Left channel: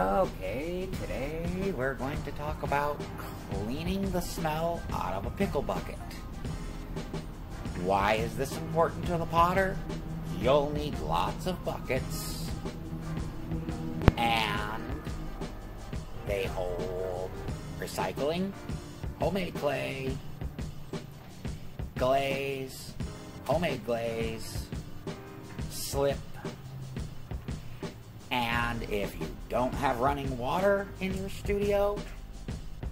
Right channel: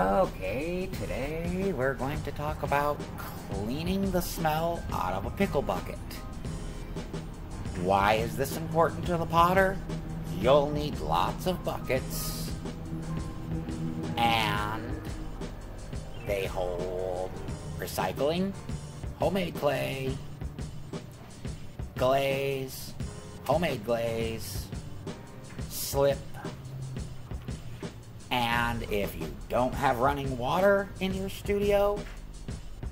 Okay, today we're going to talk about cleaning the smell out of a pickle bucket. Why is this important to the potter? You'll need lots of buckets, and they hold recycling, homemade clay, glaze, homemade glaze, slip, and if you don't have running water in your studio,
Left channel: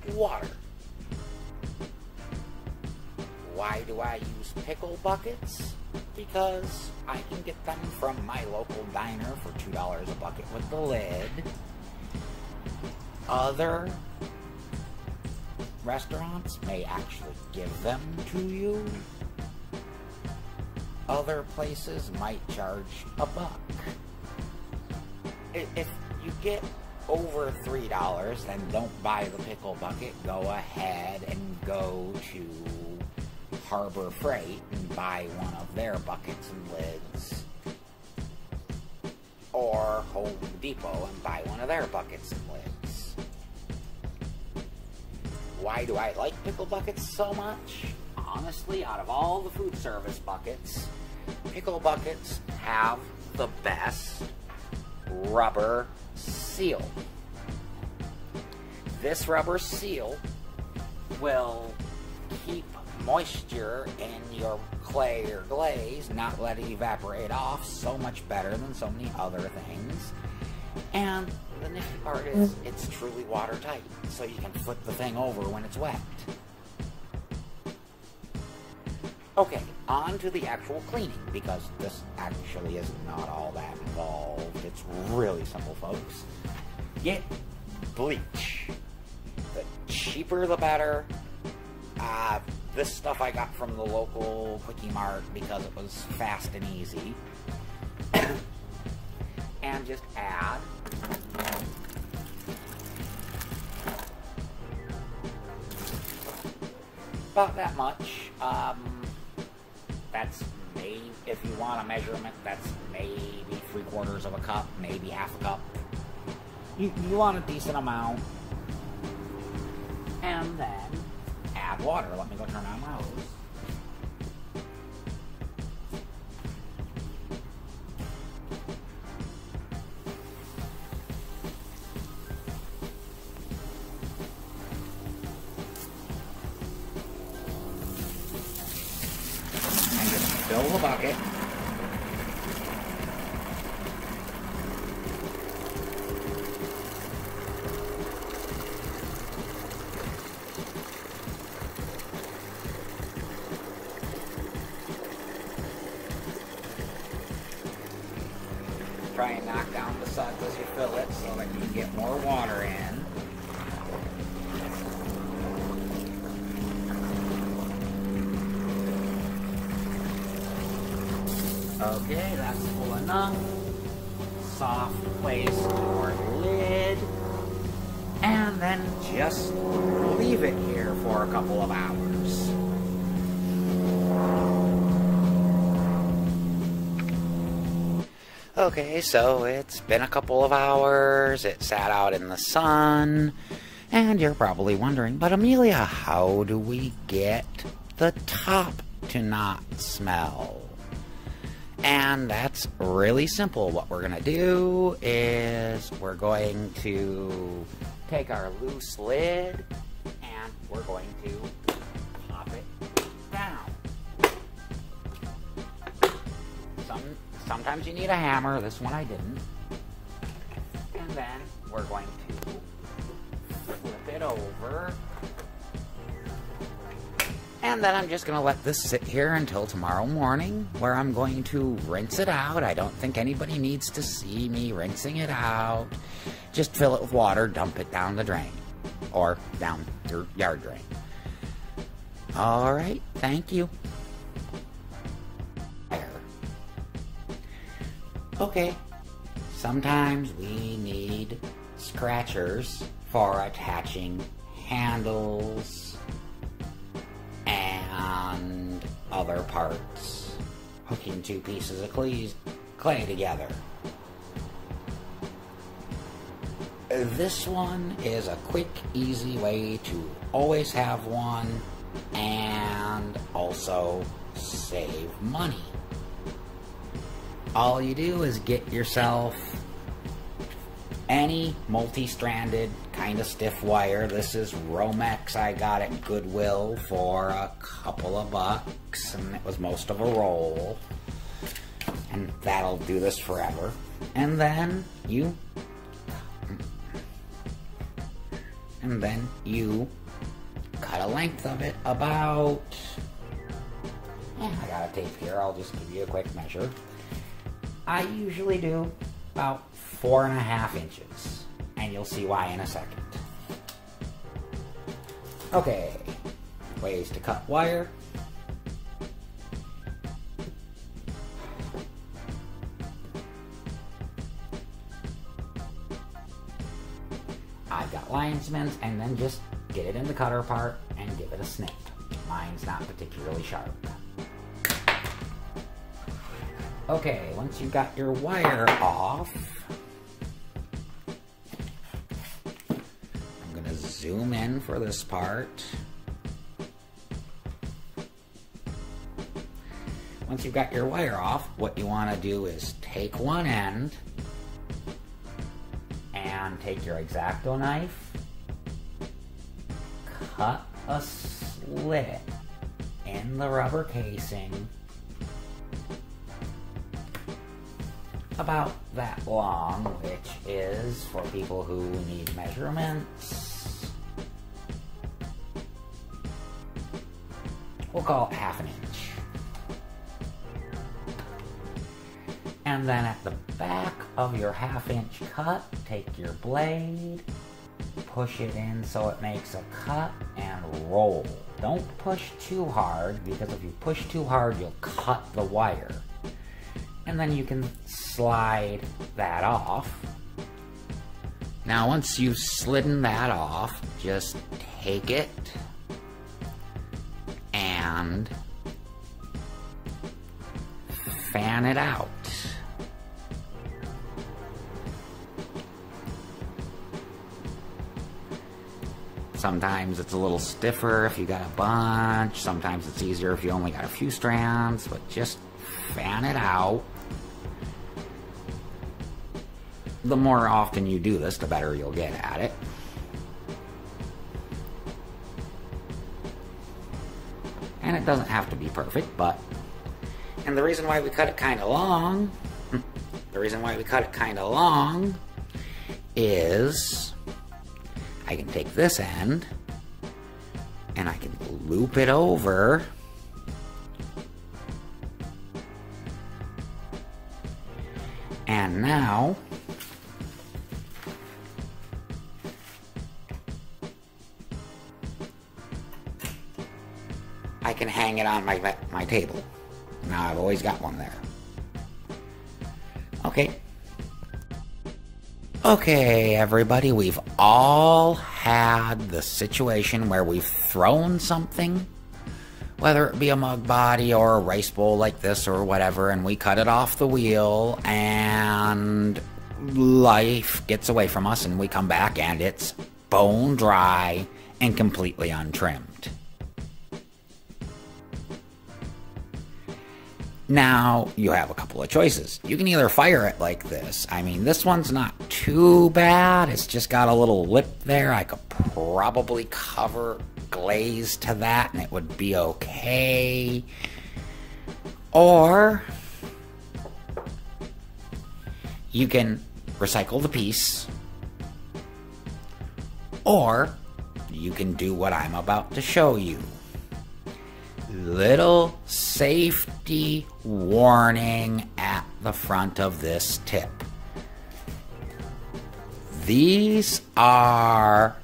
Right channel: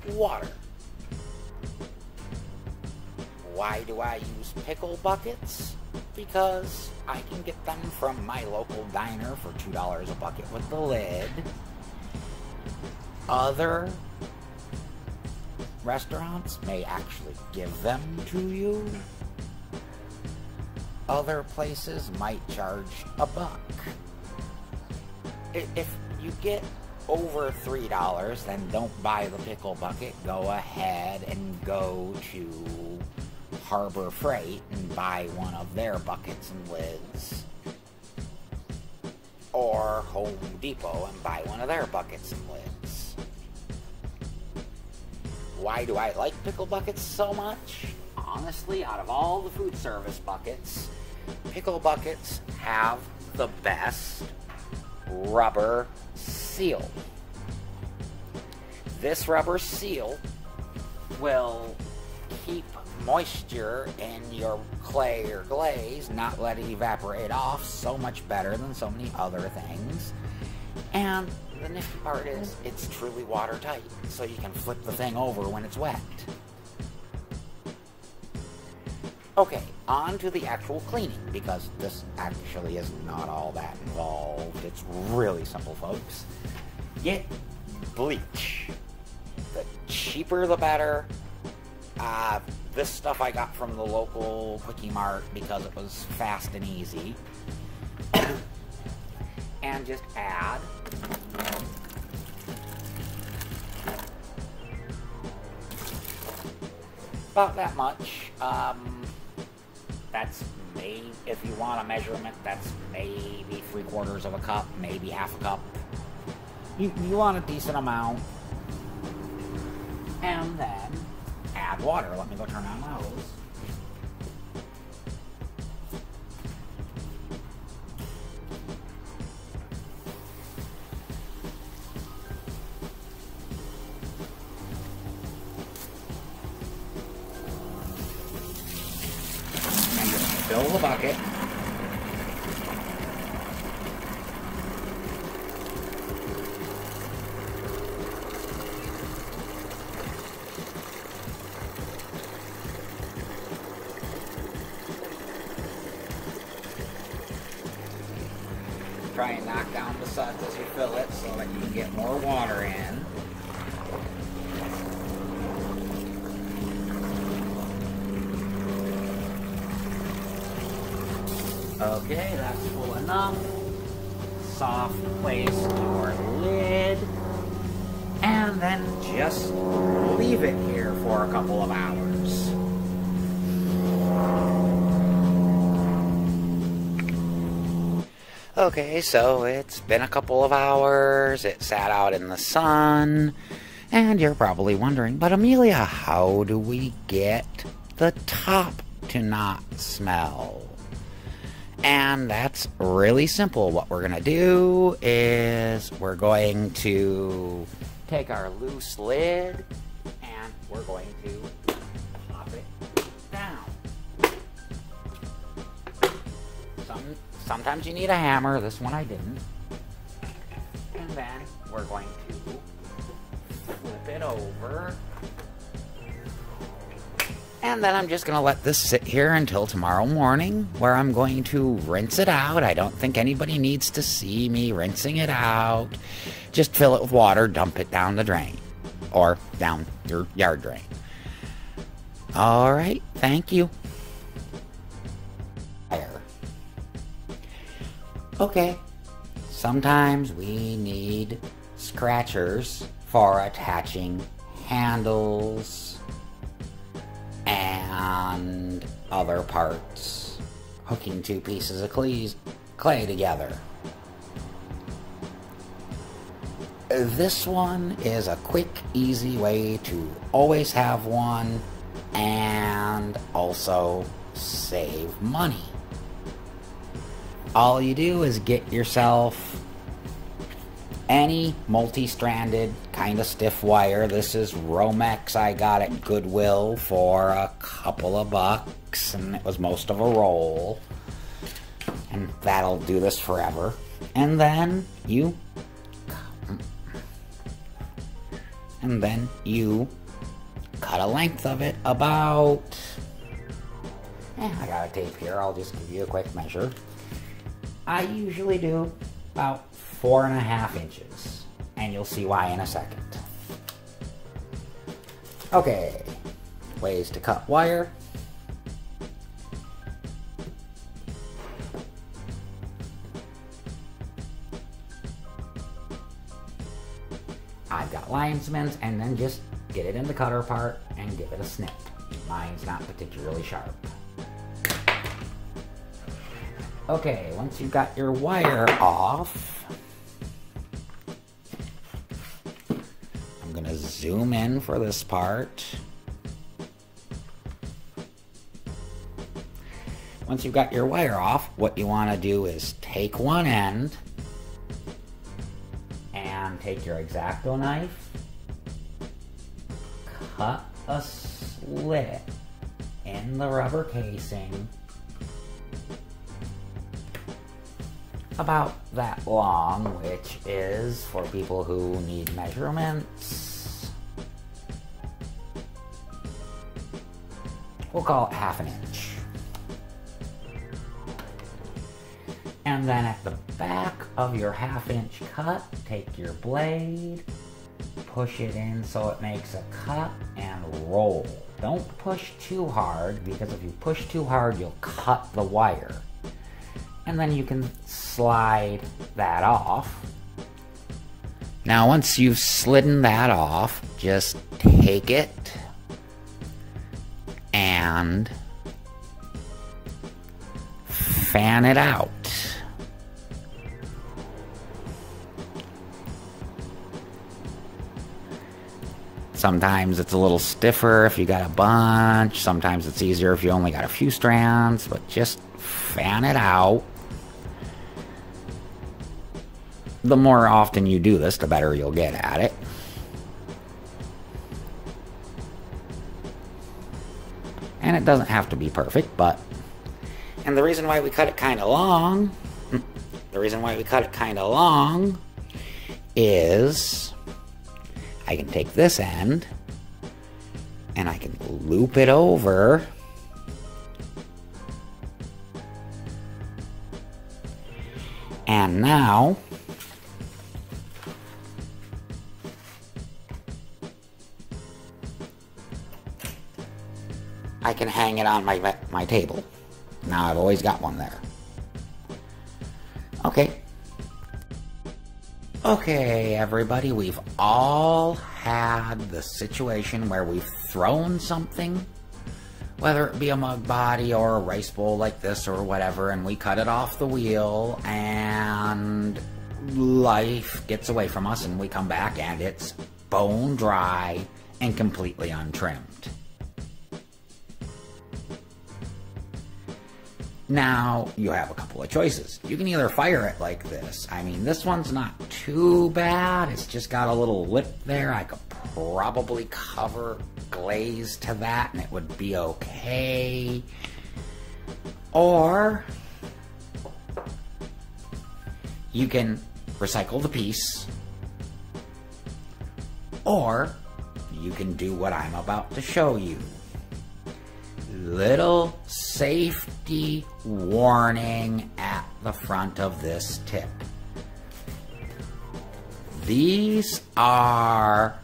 water. Why do I use pickle buckets? Because I can get them from my local diner for $2 a bucket with the lid. Other restaurants may actually give them to you. Other places might charge $1. If you get over $3, then don't buy the pickle bucket. Go ahead and go to Harbor Freight and buy one of their buckets and lids. Or Home Depot and buy one of their buckets and lids. Why do I like pickle buckets so much? Honestly, out of all the food service buckets, pickle buckets have the best rubber seal. This rubber seal will keep moisture in your clay or glaze, not let it evaporate off, so much better than so many other things. And the nifty part is it's truly watertight, so you can flip the thing over when it's wet. Okay, on to the actual cleaning, because this actually is not all that involved. It's really simple, folks. Get bleach. The cheaper the better. This stuff I got from the local Quickie Mart because it was fast and easy. And just add about that much. That's maybe, if you want a measurement, that's maybe 3/4 of a cup, maybe half a cup. You want a decent amount. And then add water. Let me go turn on my hose. And just fill the bucket. Try and knock down the suds as you fill it so that you can get more water in. Okay, that's full enough. Soft place your lid. And then just leave it here for a couple of hours. Okay, so it's been a couple of hours, it sat out in the sun, and you're probably wondering, but Amelia, how do we get the top to not smell? And that's really simple. What we're going to do is we're going to take our loose lid, and we're going to pop it down. Sometimes you need a hammer. This one I didn't. And then we're going to flip it over. And then I'm just going to let this sit here until tomorrow morning, where I'm going to rinse it out. I don't think anybody needs to see me rinsing it out. Just fill it with water, dump it down the drain. Or down your yard drain. Alright, thank you. Okay, sometimes we need scratchers for attaching handles and other parts, hooking two pieces of clay together. This one is a quick, easy way to always have one and also save money. All you do is get yourself any multi-stranded kind of stiff wire. This is Romex. I got at Goodwill for a couple of bucks, and it was most of a roll. And that'll do this forever. And then you cut a length of it about, I got a tape here, I'll just give you a quick measure. I usually do about 4.5 inches, and you'll see why in a second. Okay, ways to cut wire. I've got linesmans, and then just get it in the cutter part and give it a snip. Mine's not particularly sharp. Okay, once you've got your wire off, I'm gonna zoom in for this part. Once you've got your wire off, what you want to do is take one end and take your X-Acto knife, cut a slit in the rubber casing about that long, which is, for people who need measurements, we'll call it 1/2 inch. And then at the back of your 1/2 inch cut, take your blade, push it in so it makes a cut, and roll. Don't push too hard, because if you push too hard, you'll cut the wire. And then you can slide that off. Now, once you've slidden that off, just take it and fan it out. Sometimes it's a little stiffer if you got a bunch. Sometimes it's easier if you only got a few strands, but just fan it out. The more often you do this, the better you'll get at it. And it doesn't have to be perfect, but... And the reason why we cut it kind of long... is... I can take this end, and I can loop it over, and now I can hang it on my table. Now I've always got one there. Okay, everybody, we've all had the situation where we've thrown something, whether it be a mug body or a rice bowl like this or whatever, and we cut it off the wheel, and life gets away from us, and we come back and it's bone dry and completely untrimmed. Now, you have a couple of choices. You can either fire it like this. I mean, this one's not too bad. It's just got a little lip there. I could probably cover glaze to that and it would be okay. Or you can recycle the piece. Or you can do what I'm about to show you. Little safety warning at the front of this tip. These are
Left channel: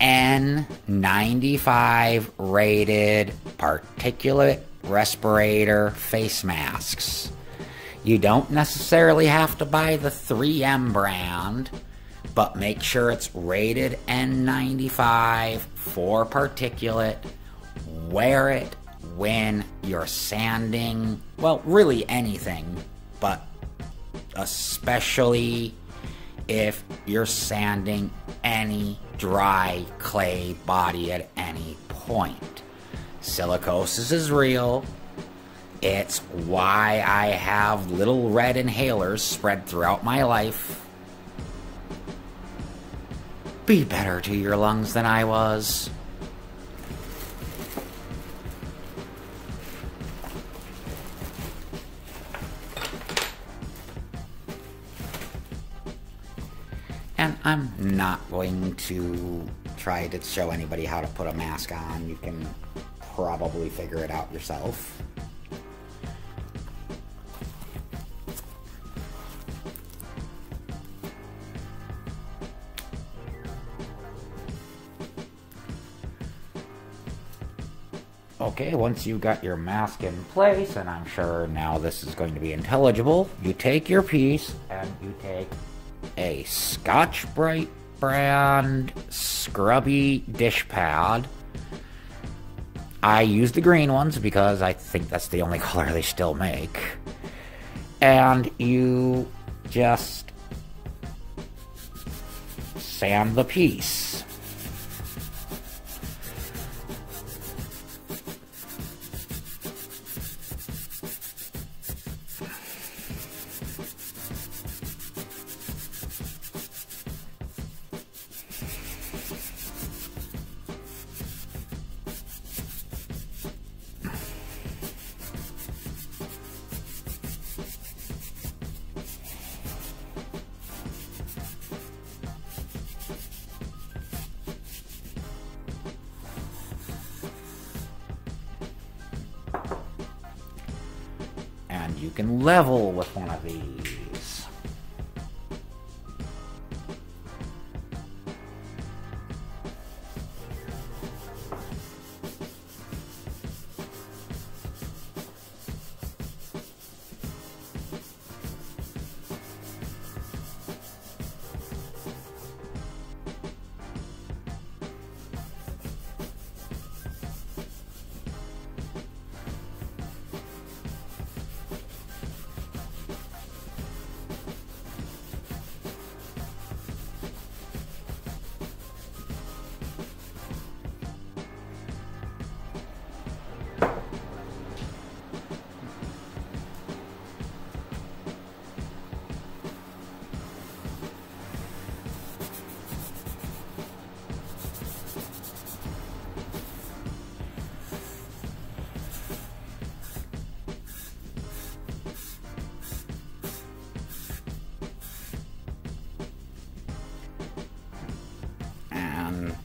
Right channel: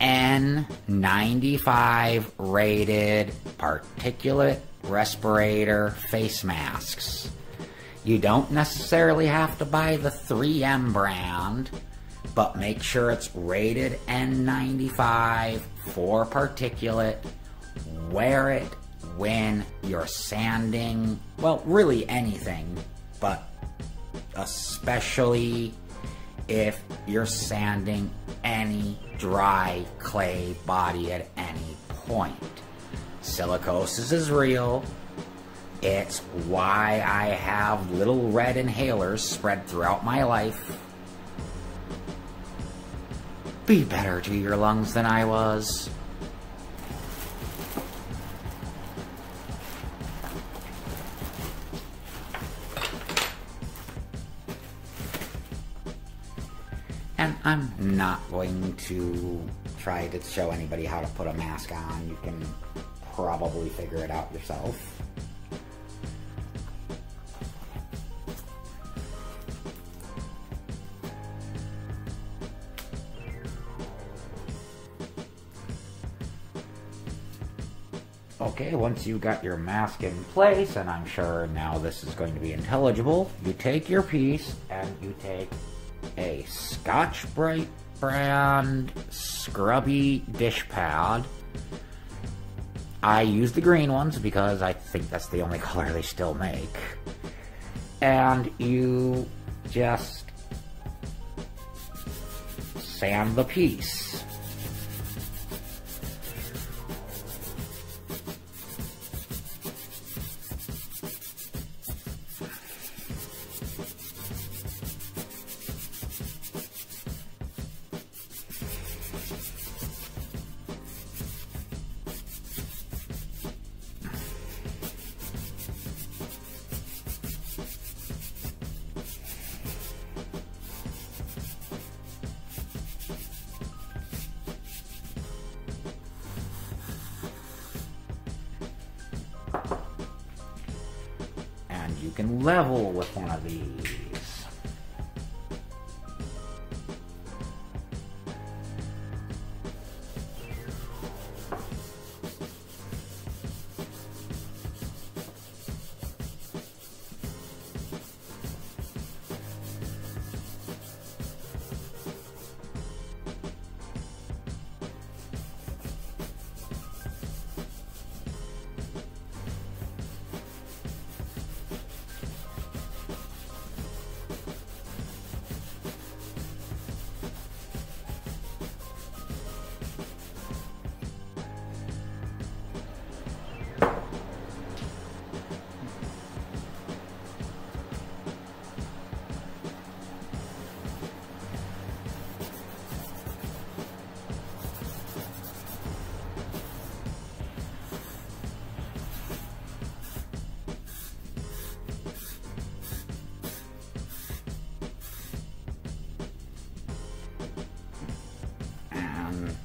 N95 rated particulate respirator face masks. You don't necessarily have to buy the 3M brand, but make sure it's rated N95 for particulate. Wear it when you're sanding, well, really anything, but especially if you're sanding any dry clay body at any point. Silicosis is real. It's why I have little red inhalers spread throughout my life. Be better to your lungs than I was. And I'm not going to try to show anybody how to put a mask on. You can probably figure it out yourself. Okay, once you've got your mask in place, and I'm sure now this is going to be intelligible, you take your piece and you take a Scotch-Brite brand scrubby dish pad. I use the green ones because I think that's the only color they still make. And you just sand the piece. You can level with one of these.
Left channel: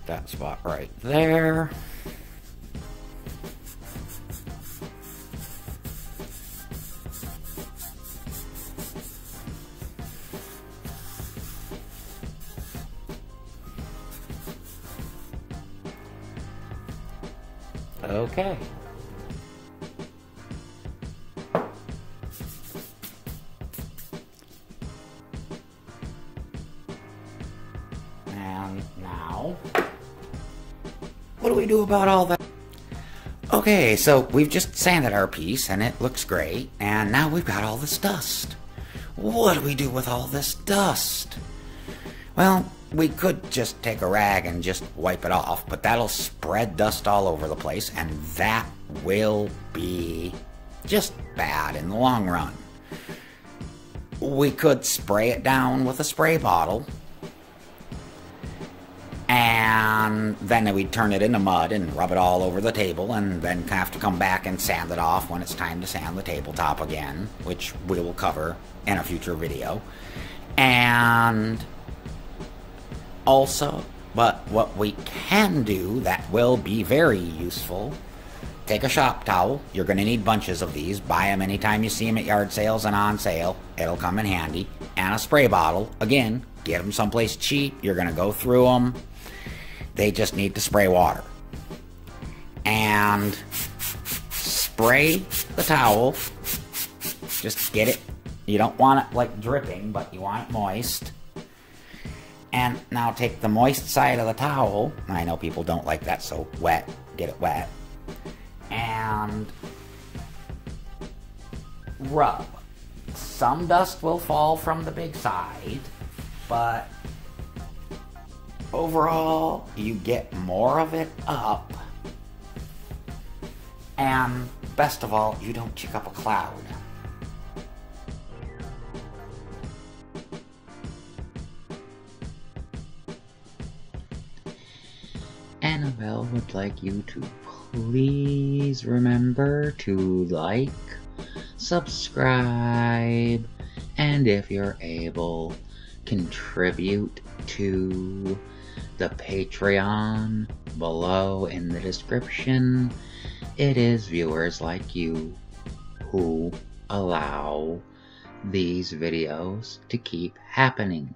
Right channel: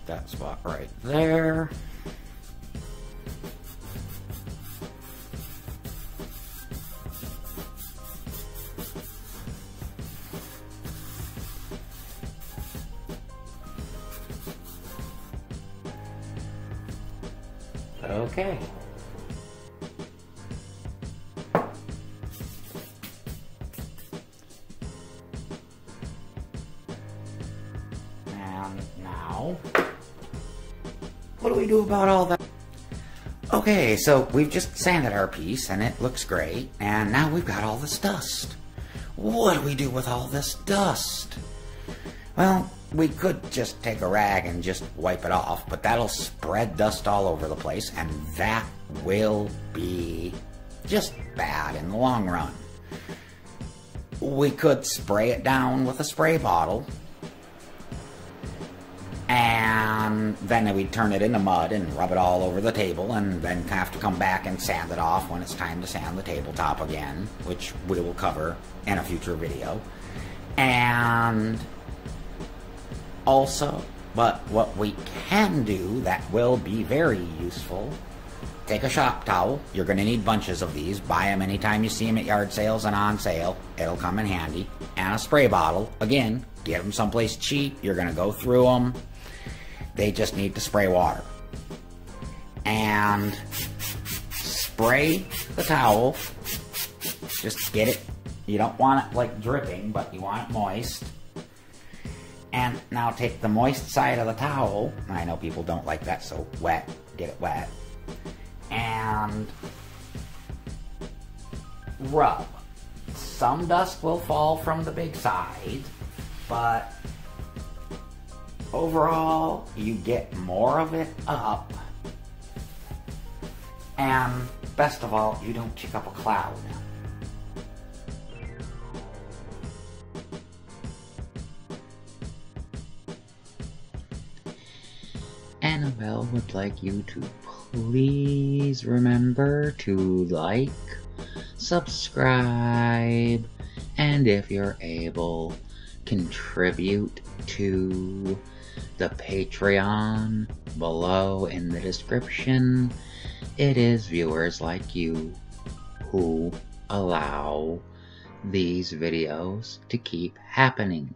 That spot right there. Okay. And now, what do we do about all that? Okay, so we've just sanded our piece and it looks great, and now we've got all this dust. What do we do with all this dust? Well, we could just take a rag and just wipe it off, but that'll spread dust all over the place, and that will be just bad in the long run. We could spray it down with a spray bottle, and then we'd turn it into mud and rub it all over the table, and then have to come back and sand it off when it's time to sand the tabletop again, which we will cover in a future video. And also, but what we can do that will be very useful, take a shop towel. You're going to need bunches of these. Buy them anytime you see them at yard sales and on sale. It'll come in handy. And a spray bottle. Again, get them someplace cheap. You're going to go through them. They just need to spray water. And spray the towel. Just get it. You don't want it like dripping, but you want it moist. And now take the moist side of the towel. I know people don't like that, so wet. Get it wet. And rub. Some dust will fall from the big side, but overall, you get more of it up, and best of all, you don't check up a cloud. Annabelle would like you to please remember to like, subscribe, and if you're able, contribute to the Patreon below in the description. It is viewers like you who allow these videos to keep happening.